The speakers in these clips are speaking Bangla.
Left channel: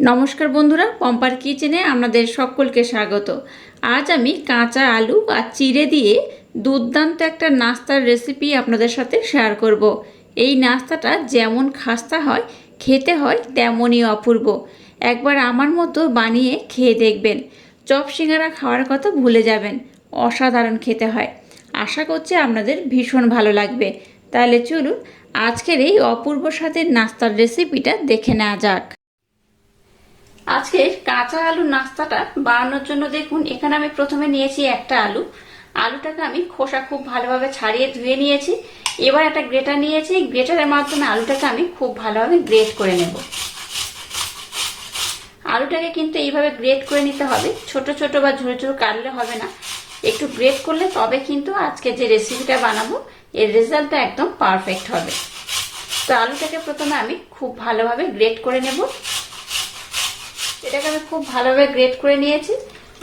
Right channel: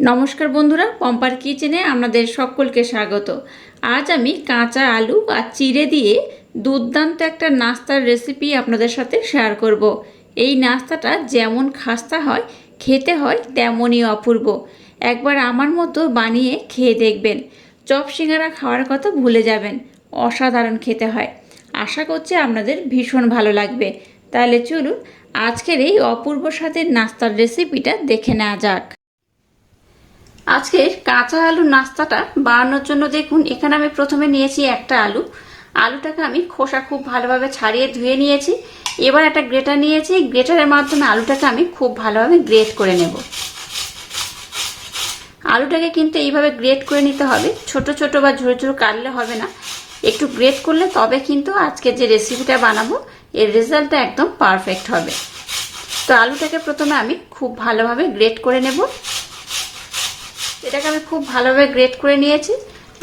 নমস্কার বন্ধুরা, পম্পার কিচেনে আপনাদের সকলকে স্বাগত। আজ আমি কাঁচা আলু আর চিড়ে দিয়ে দুর্দান্ত একটা নাস্তার রেসিপি আপনাদের সাথে শেয়ার করব। এই নাস্তাটা যেমন খাস্তা হয়, খেতে হয়, তেমনই অপূর্ব। একবার আমার মতো বানিয়ে খেয়ে দেখবেন। চপ খাওয়ার কথা ভুলে যাবেন, অসাধারণ খেতে হয়। আশা করছি আপনাদের ভীষণ ভালো লাগবে। তাহলে চলুন, আজকের এই অপূর্ব স্বাদের নাস্তার রেসিপিটা দেখে নেওয়া যাক। আজকের কাঁচা আলুর নাস্তাটা বানানোর জন্য দেখুন, এখানে আমি প্রথমে নিয়েছি একটা আলু। আলুটাকে আমি খোসা খুব ভালোভাবে ছাড়িয়ে ধুয়ে নিয়েছি। এবার একটা গ্রেটার নিয়েছি। গ্রেটারের মাধ্যমে আলুটাকে আমি খুব ভালোভাবে গ্রেট করে নেব। আলুটাকে কিন্তু এইভাবে গ্রেট করে নিতে হবে। ছোট ছোট বা ঝুড়ো ঝুড়ো কাটলে হবে না। একটু গ্রেট করলে তবে কিন্তু আজকে যে রেসিপিটা বানাবো, এর রেজাল্টটা একদম পারফেক্ট হবে। তো আলুটাকে প্রথমে আমি খুব ভালোভাবে গ্রেট করে নেব। এটাকে আমি খুব ভালোভাবে গ্রেট করে নিয়েছি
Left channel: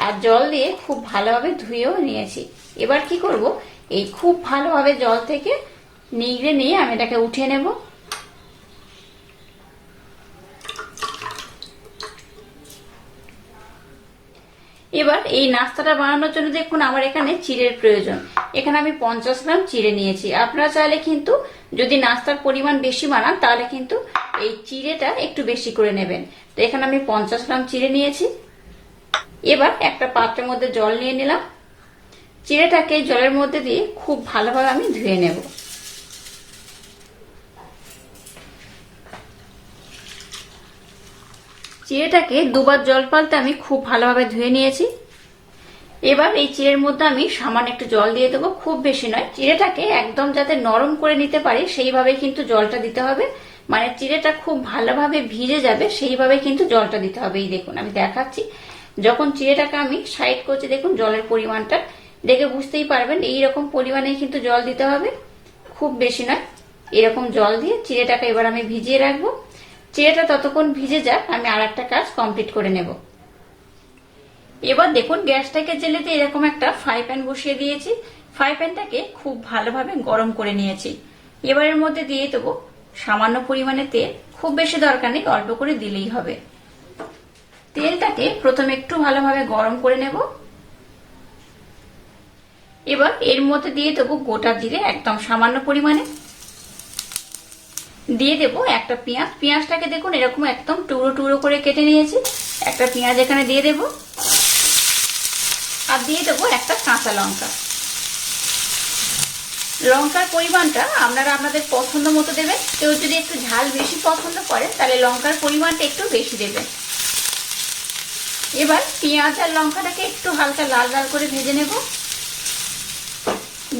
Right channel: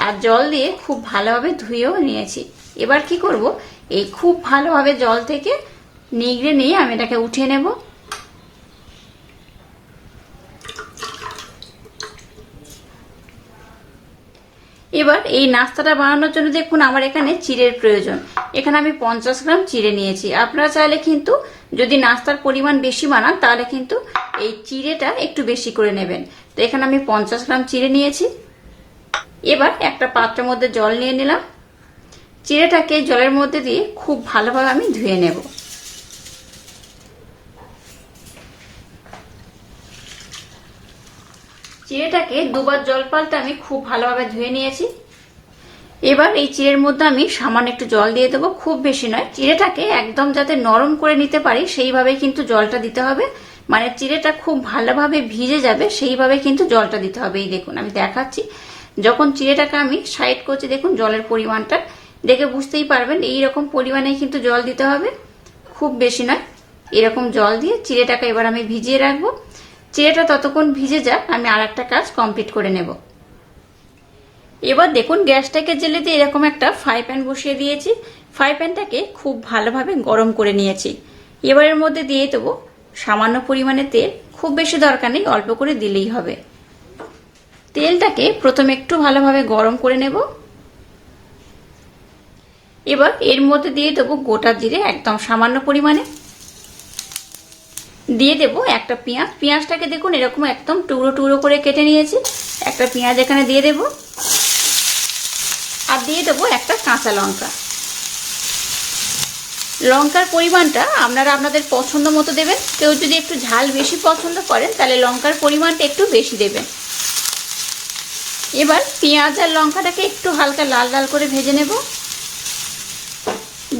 আর জল দিয়ে খুব ভালোভাবে ধুয়েও নিয়েছি। এবার কি করব? এই খুব ভালোভাবে জল থেকে নিগড়ে নিয়ে আমি এটাকে উঠিয়ে নেব। এবার এই নাস্তাটা বানানোর জন্য দেখুন আমার এখানে চিড়ের প্রয়োজন। এখানে আমি পঞ্চাশ গ্রাম চিড়ে নিয়েছি। আপনারা চাইলে কিন্তু যদি নাস্তার পরিমাণ বেশি বানান, তাহলে কিন্তু এই চিড়েটা একটু বেশি করে নেবেন। তো এখানে আমি পঞ্চাশ গ্রাম চিড়ে নিয়েছি। এবার একটা পাত্রের মধ্যে জল নিয়ে নিলাম। চিড়েটাকে জলের মধ্যে দিয়ে খুব ভালোভাবে আমি ধুয়ে নেব। চিড়েটাকে দুবার জল পাল্টে আমি খুব ভালোভাবে ধুয়ে নিয়েছি। এবার এই চিড়ের মধ্যে আমি সামান্য একটু জল দিয়ে দেবো। খুব বেশি নয়। চিড়েটাকে একদম যাতে নরম করে নিতে পারি সেইভাবে কিন্তু জলটা দিতে হবে। মানে চিড়েটা খুব ভালোভাবে ভিজে যাবে, সেইভাবে কিন্তু জলটা দিতে হবে। এই দেখুন, আমি দেখাচ্ছি। যখন চিড়েটাকে আমি সাইড করছি, দেখুন জলের পরিমাণটা। দেখে বুঝতেই পারবেন, এই রকম পরিমাণে কিন্তু জল দিতে হবে। খুব বেশি নয়, এরকম জল দিয়ে চিড়েটাকে এবার আমি ভিজিয়ে রাখব। চিড়েটা ততক্ষণ ভিজে যাক, আমি আর একটা কাজ কমপ্লিট করে নেব। এবার দেখুন, গ্যাসটাকে জেলে দিয়ে এরকম একটা ফ্রাই প্যান বসিয়ে দিয়েছি। ফ্রাই প্যানটাকে খুব ভালোভাবে গরম করে নিয়েছি। এবারের মধ্যে দিয়ে দেবো সামান্য পরিমাণে তেল, খুব বেশি দরকার নেই, অল্প করে দিলেই হবে। তেলটাকে প্রথমে একটু ভালোভাবে গরম করে নেব। এবার এর মধ্যে দিয়ে দেবো গোটা জিরে, একদম সামান্য পরিমাণে। দিয়ে দেবো একটা পেঁয়াজ। পেঁয়াজটাকে দেখুন, এরকম একদম টুকরো টুকরো করে কেটে নিয়েছি। একটা পেঁয়াজ এখানে দিয়ে দেব। আর দিয়ে দেবো একটা কাঁচা লঙ্কা। লঙ্কার পরিমাণটা আপনারা আপনাদের পছন্দ মতো দেবেন। কেউ যদি একটু ঝাল বেশি পছন্দ করেন, তাহলে লঙ্কার পরিমাণটা একটু বেশি দেবেন। এবার পেঁয়াজ আর লঙ্কাটাকে একটু হালকা লাল লাল করে ভেজে নেব।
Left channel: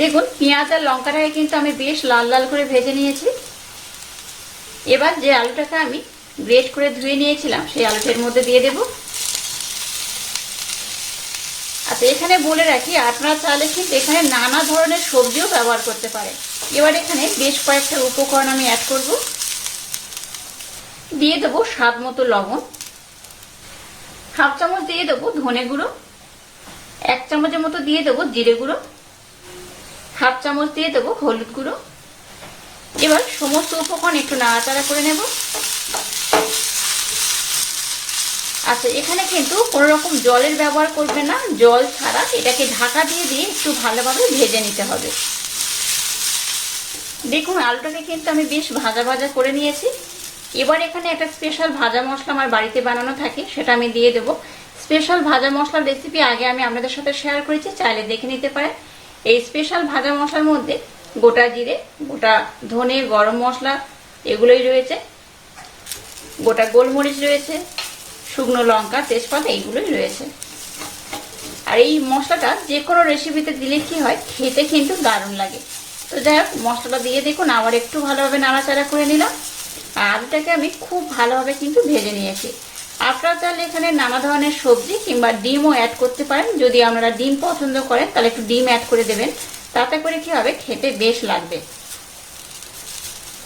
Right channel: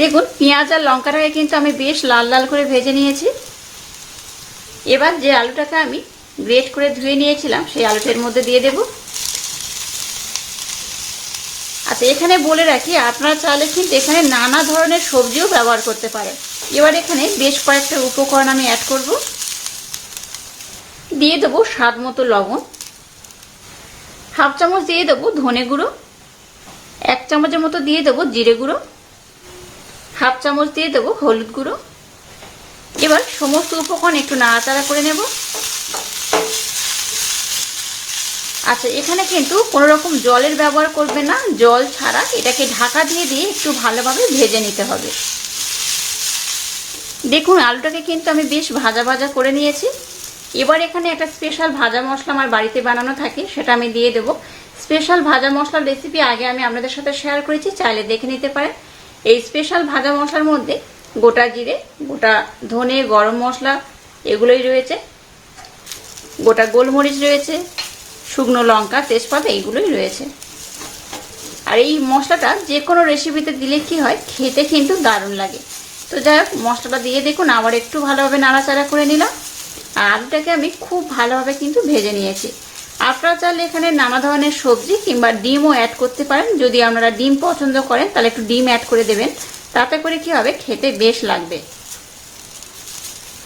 দেখুন, পেঁয়াজ আর লঙ্কাটাকে কিন্তু আমি বেশ লাল লাল করে ভেজে নিয়েছি। এবার যে আলুটাকে আমি গ্রেট করে ধুয়ে নিয়েছিলাম, সেই আলুটার মধ্যে দিয়ে দেব। আচ্ছা এখানে বলে রাখি, আপনারা চাইলে কিন্তু এখানে নানা ধরনের সবজিও ব্যবহার করতে পারে এবার এখানে বেশ কয়েকটা উপকরণ আমি অ্যাড করব। দিয়ে দেবো স্বাদ মতো লবণ। হাফ চামচ দিয়ে দেবো ধনে গুঁড়ো। এক চামচের মতো দিয়ে দেবো জিরে গুঁড়ো। হাফ চামচ দিয়ে দেবো হলুদ গুঁড়ো। এবার সমস্ত উপকরণ একটু নাড়াচাড়া করে নেব। আচ্ছা এখানে কিন্তু কোনো রকম জলের ব্যবহার করবে না, জল ছাড়া। এটাকে ঢাকা দিয়ে দিয়ে একটু ভালোভাবে ভেজে নিতে হবে। দেখুন, আলুটাকে কিন্তু আমি বেশ ভাজা ভাজা করে নিয়েছি। এবার এখানে একটা স্পেশাল ভাজা মশলা আমার বাড়িতে বানানো থাকে, সেটা আমি দিয়ে দেবো। স্পেশাল ভাজা মশলার রেসিপি আগে আমি আপনাদের সাথে শেয়ার করেছি, চাইলে দেখে নিতে পারেন। এই স্পেশাল ভাজা মশলার মধ্যে গোটা জিরে, গোটা ধনে, গরম মশলা এগুলোই রয়েছে। গোটা গোলমরিচ রয়েছে শুকনো লঙ্কা, তেজপাতা, এইগুলোই রয়েছে। আর এই মশলাটা যে কোনো রেসিপিতে দিলে কি হয়, খেতে কিন্তু দারুণ লাগে। তো যাই হোক, মশলাটা দিয়ে দেখুন, আবার একটু ভালোভাবে নাড়াচাড়া করে নিলাম। আর আলুটাকে আমি খুব ভালোভাবে কিন্তু ভেজে নিয়েছি। আপনারা চাইলে এখানে নানা ধরনের সবজি কিংবা ডিমও অ্যাড করতে পারেন। যদি আপনারা ডিম পছন্দ করেন, তাহলে একটু ডিম অ্যাড করে দেবেন। তাতে করে কি হবে, খেতে বেশ লাগবে।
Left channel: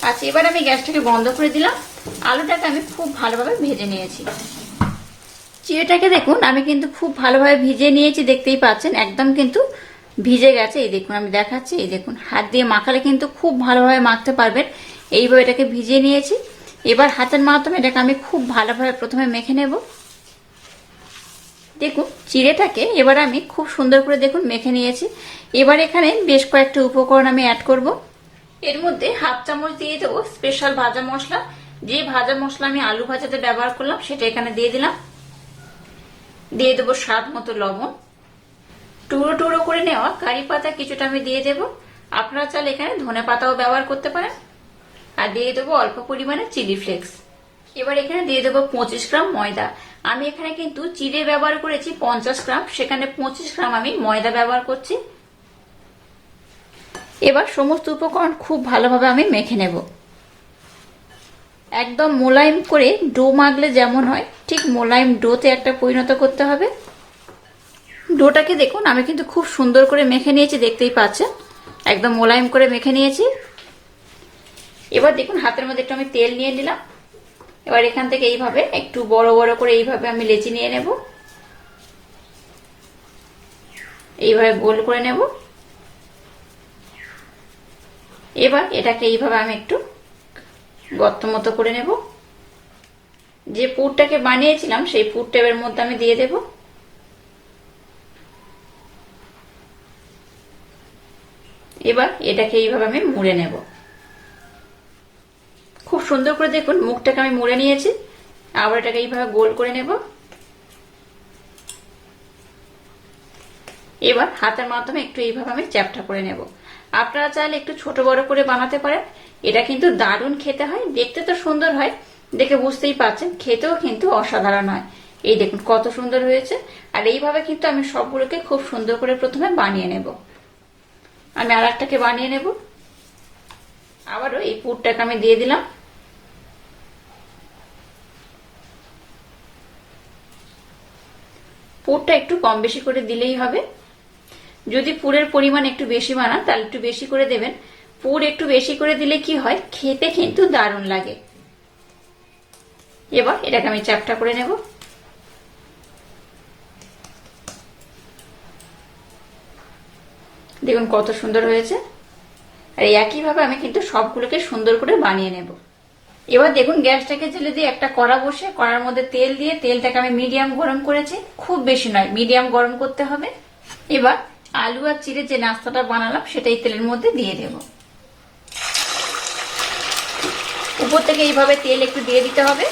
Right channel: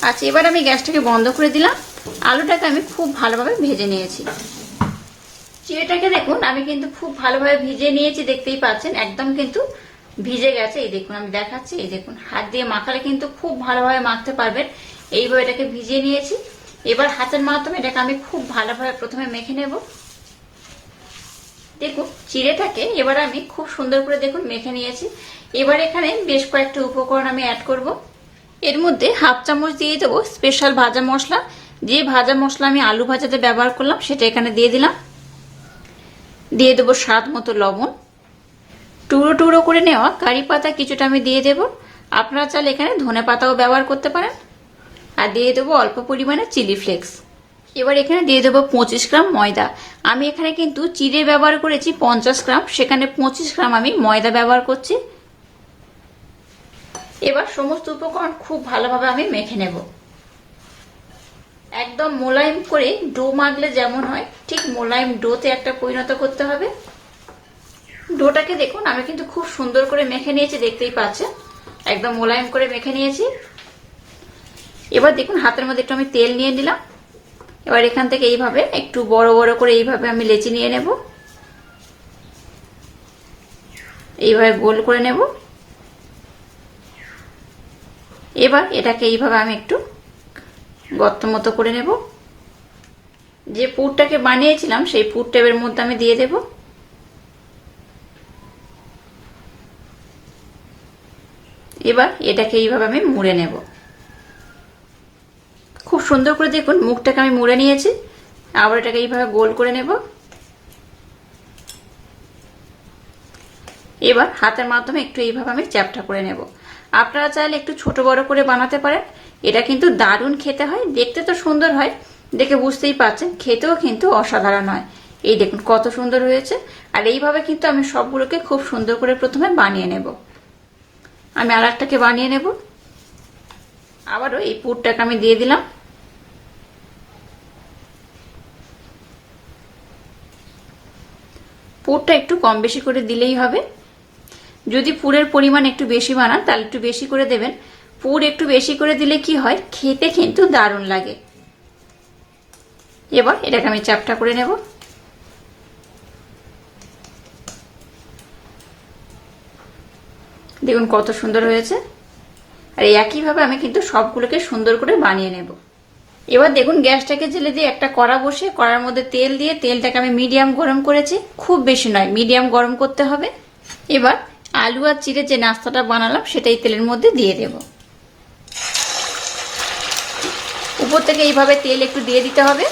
আচ্ছা এবার আমি গ্যাসটাকে বন্ধ করে দিলাম। আলুটাকে আমি খুব ভালোভাবে ভেজে নিয়েছি। চিড়েটাকে দেখুন, আমি কিন্তু খুব ভালোভাবে ভিজে নিয়েছি, দেখতেই পাচ্ছেন। একদম কিন্তু ভিজে গেছে। এই দেখুন, আমি দেখাচ্ছি। এই দেখুন, হাত দিয়ে মাখালে কিন্তু খুব ভালোভাবে মাখতে পারবেন। এইভাবে এটাকে ভিজিয়ে নিয়েছি। এবার হাতের মাধ্যমে এটাকে আমি খুব ভালোভাবে প্রথমে মেখে নেব। দেখুন, চিড়েটাকে এবার আমি খুব সুন্দর করে দেখুন মেখে নিয়েছি। এবার এখানে বেশ কয়েকটা উপকরণ আমি অ্যাড করব। এর মধ্যে হাফ চামচ দিয়ে দেবো স্পেশাল ভাজা মশলা। যে ভাজা মশলা আমি আলু ভাজাতে ব্যবহার করলাম, সেটা এখানে দিয়ে দিলাম। দিয়ে দেবো স্বাদ মতো লবণ। টুকরো টুকরো করে নেওয়া কারি পাতা কিছুটা আমি দিয়ে দেব। আপনারা চাইলে এখানে ধনে পাতাও ব্যবহার করতে পারেন। আর দিয়ে দেবো অল্প পরিমাণে চিলি ফ্লেক্স। এবার এখানে দিয়ে দেবো পঁচিশ গ্রাম ময়দা। আমি এখানে কিন্তু চিড়ে ব্যবহার করেছি পঞ্চাশ গ্রাম, সেখানে পঁচিশ গ্রাম আমি ময়দা ব্যবহার করছি। এবার সমস্ত উপকরণ খুব ভালোভাবে আমি মেখে নেব। একদম মোলায়েম করে ডো মাগলে যেমন হয়, ঠিক মোলায়েম ডোতে একটা পরিণত করতে হবে। ডোটাকে দেখুন, আমি কিন্তু খুব সুন্দর করে মেখে নিয়েছি, দেখতেই পাচ্ছেন। একদম মোলায়েম করে মেখে নিয়েছি। এবার দেখুন, হাতের মধ্যে একটু আমি তেল নিয়ে নিলাম। এবার এখান থেকে এইভাবে একটু বড় বড় করে এইভাবে আমি লেচি নিয়ে নেব। এইভাবে গোল করে নেব। এবার এটাকে এইভাবে আমি একটু গর্ত মতো করে নেব। যে পুরটাকে বানিয়েছিলাম, সেই পুরটা এর মধ্যে আমি দিয়ে দেব। এবার এটাকে এইভাবে আমি মুড়ে নেব। খুব সুন্দর করে দেখুন, মুখটাকে আমি মুড়ে নিয়েছি। আবার এটাকে এইভাবে গোল করে নেব। এবার হাতের মাধ্যমে একটু এইভাবে আমি চ্যাপটা করে নেব। আপনারা চাইলে একটু ছোট বড় করে বানাতে পারেন। এটা কিন্তু দারুণ খেতে হয়, দেখতে তো সুন্দর হয়, দেখে বুঝতেই পারছেন, খেতেও কিন্তু অসাধারণ হয়। এই দেখুন কত সুন্দর হয়েছে, আর এইভাবে কিন্তু আমি সবগুলোকে খুব সুন্দর করে প্রথমে বানিয়ে নেব। আমি আর একটাকে বানিয়ে নেব। আবারও এই পুরটাকে আমি দিয়ে দিলাম। পুরটা একটু কম বেশি করে দিলেই হবে। যদি পুরের পরিমাণ একটু বেশি বানান, তাহলে একটু বেশি করে দেবেন। পুর একটু বেশি করে দিলে কি হয়? খেতে কিন্তু দারুণ লাগে। এবার এটাকে আমি চাপটা করে নেব। দেখুন কত সুন্দর হয়েছে। আর একইভাবে আমি কিন্তু সবগুলোকে সুন্দর করে বানিয়ে নেব। এবার দেখুন গ্যাসটাকে জেলে দিয়ে একটা কড়া বসে, কড়ার মধ্যে তেল দিয়ে, তেলটাকে আমি মিডিয়াম গরম করেছি। খুব বেশি নয়, মিডিয়াম গরম করতে হবে। এবার আলু আর চিড়ে যে নাস্তাটা বানালাম, সেটাই তেলের মধ্যে দিয়ে দেব। উপর থেকে এইভাবে তেল একটু দিয়ে দিতে হবে।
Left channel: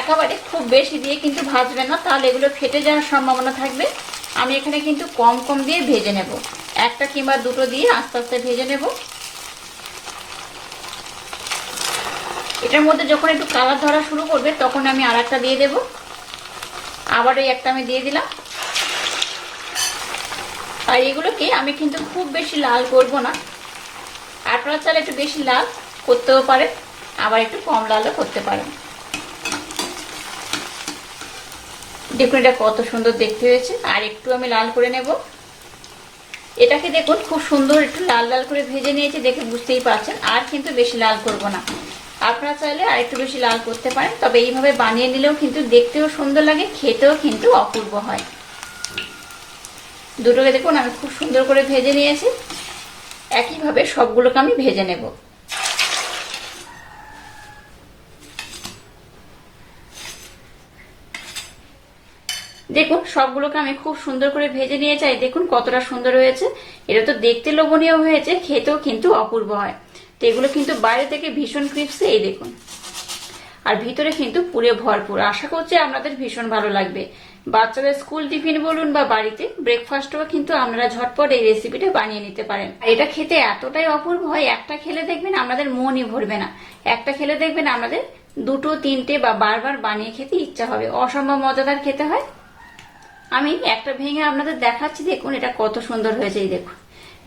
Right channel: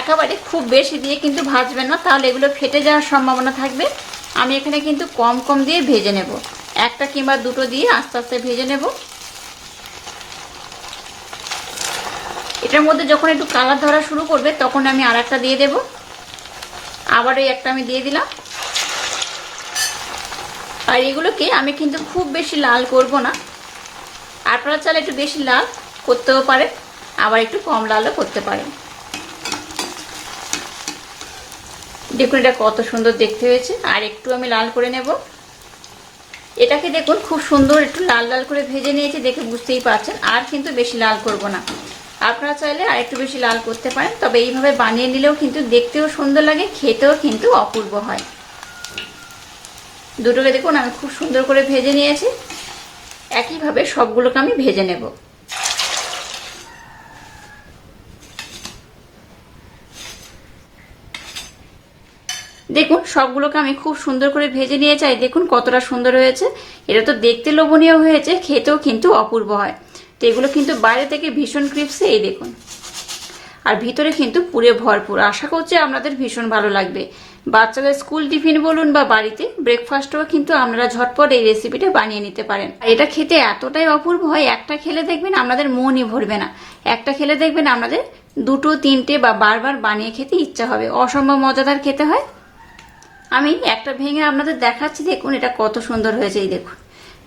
একেবারে খুব বেশি দিয়ে কিন্তু ভাজবে না, তাহলে এগুলো ফেটে যাওয়ার সম্ভাবনা থাকবে। আমি এখানে কিন্তু কম কম দিয়ে ভেজে নেব। একটা কিংবা দুটো দিয়ে আস্তে আস্তে ভেজে নেব। এটার মধ্যে যখন একটু কালার ধরা শুরু করবে, তখন আমি আর একটা দিয়ে দেব। আবার ওই একটা আমি দিয়ে দিলাম। আর এগুলোকে আমি কিন্তু খুব বেশি লাল করব না। আপনারা চাইলে একটু বেশি লাল করতেও পারে আবার একটু কম লালও করতে পারেন। দেখুন এটা কত সুন্দর দেখতে হয়েছে, আর একটু আমি লাল করে নেব। এটাকে দেখুন খুব সুন্দর একটু লাল লাল করে ভেজে নিয়েছি দেখে বুঝতেই পারছেন, আর কিন্তু বেশি লাল করব না। আপনারা চাইলে আর একটু বেশি লাল করতে পারেন, তবে এইভাবে বানিয়ে নিলেও কিন্তু দেখতেও সুন্দর লাগে, খেতেও কিন্তু অপূর্ব হয়। দুটোকে দেখুন, আমি খুব সুন্দর করে ভেজে নিয়েছি। একইভাবে সবগুলোকে আমি ভেজে নেব। দেখুন, সবগুলোকে আমি খুব সুন্দর করে ভেজে নিয়ে চাই দেখুন কতটা সুন্দর হয়েছে। এটা তো দেখতে লোভনীয় হয়েছে, খেতেও কিন্তু অপূর্ব হয়। তো এগুলো কিন্তু বাইরে থেকে ভীষণ ক্রিপসে এই দেখুন। আর ভিতরে কিন্তু পুরে ভরপুর। আশা করছি আপনাদের ভীষণ ভালো লাগবে। বাচ্চাদের স্কুল টিফিন বলুন বা বাড়িতে ব্রেকফাস্টও কিন্তু আপনারা ঝটপট এই রেসিপিটা বানিয়ে নিতে পারেন। এটা খেতে এতটাই অপূর্ব হয়, একটা খেলে দেখবেন আপনাদের মনই ভরবে না। একটা খেলে দেখবেন আপনাদের দুটো, তিনটে বা বারবার বানিয়ে খেতে ইচ্ছা হবে। অসম্ভব মজাদার খেতে হয়। আমি একটা ভেঙে আপনাদের দেখাচ্ছি, দেখুন এটা কত সুন্দর হয়েছে, এই দেখুন।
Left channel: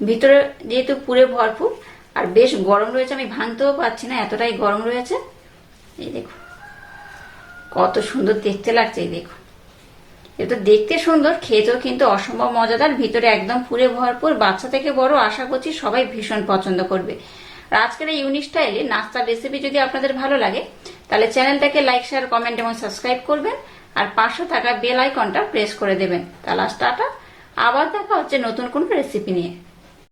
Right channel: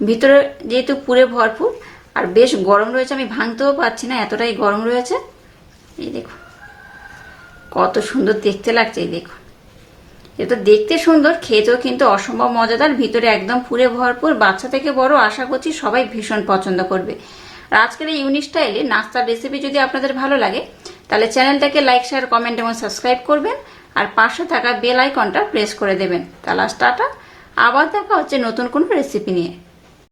ভিতরে যেহেতু পুরে ভরপুর, আর বেশ গরম রয়েছে, আমি ভাঙতেও পারছি না, এতটাই গরম রয়েছে। এই দেখুন, কত সুন্দর দেখতে লাগছে, এই দেখুন। এটা দেখতে সুন্দর, খেতেও কিন্তু অসম্ভব মজাদার, ভিতরে একদম পুরে ভরপুর, বাচ্চা থেকে বড় আশা করছি সবাই ভীষণ পছন্দ করবে। আজকের এই ইউনিক স্টাইলে নাস্তার রেসিপি যদি আপনাদের ভালো লাগে, তাহলে চ্যানেলটাকে লাইক শেয়ার কমেন্ট এবং সাবস্ক্রাইব করবেন, আর পাশে থাকা বেল আইকনটা প্রেস করে দেবেন। তাহলে টাটা, আবার দেখা হচ্ছে নতুন কোন রেসিপি নিয়ে।